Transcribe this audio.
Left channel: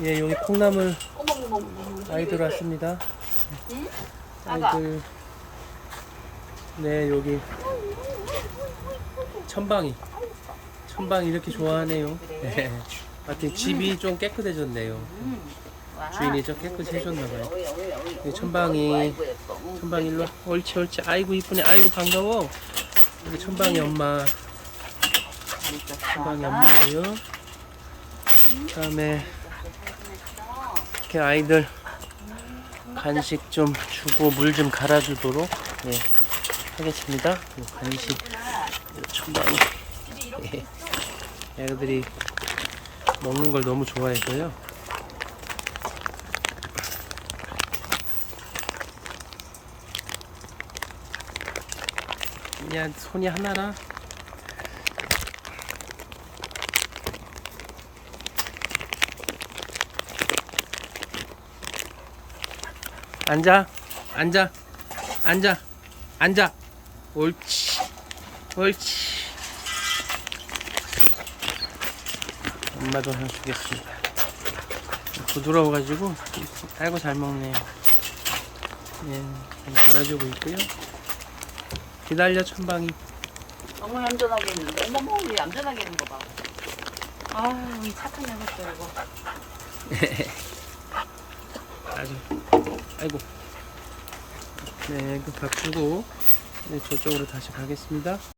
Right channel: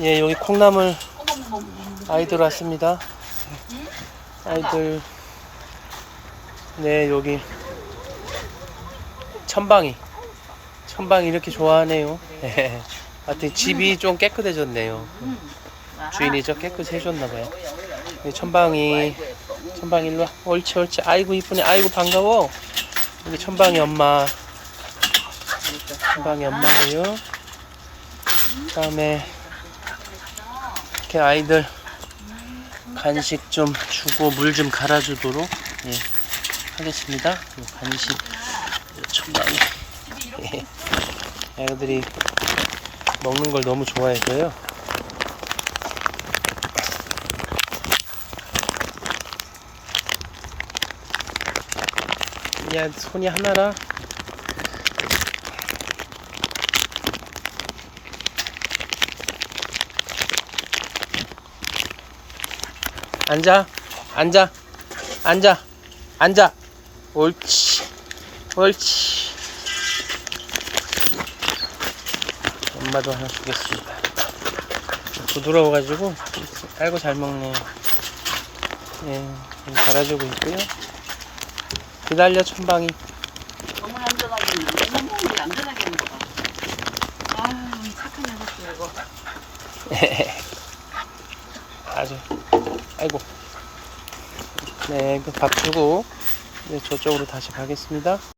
예, 여기 콩나물 아이들 왔습니다. 아이들. 네, 여기 천방이. 천방이 이렇게 좋아하네요. 네. 하여튼 집이 좀 깨끗해졌네요. 주인이 좀 깨끗해졌나봐요. 네, 천방이. 천방이 일로 와. 옳지, 옳지. 아이고, 이쁘네. 아이고, 반가워. 여기 천방이 엄마. 천방이 엄마고요. 그 다음에 이렇게 아이들 간식 좀 주고 물 좀 갈아주도록 예, 하겠습니다. 이 간식 천방이 예, 애들이 먹는 걸 너무 좋아해서요. 야 손이 하나라. 앉아, 앉아, 앉아, 앉아. 옳지, 옳지. 엄마도 하나 주겠습니다. 부드러워가지고 아이고 잘 먹네요. 예, 좀 갈아주고 있고요. 기다려 천방이. 너무 얌전하게 너무 얌전하게 있는 거다. 아이 착한 녀석들 이거. 아이고. 네그밥 주고 네, 저쪽으로 다시 가겠습니다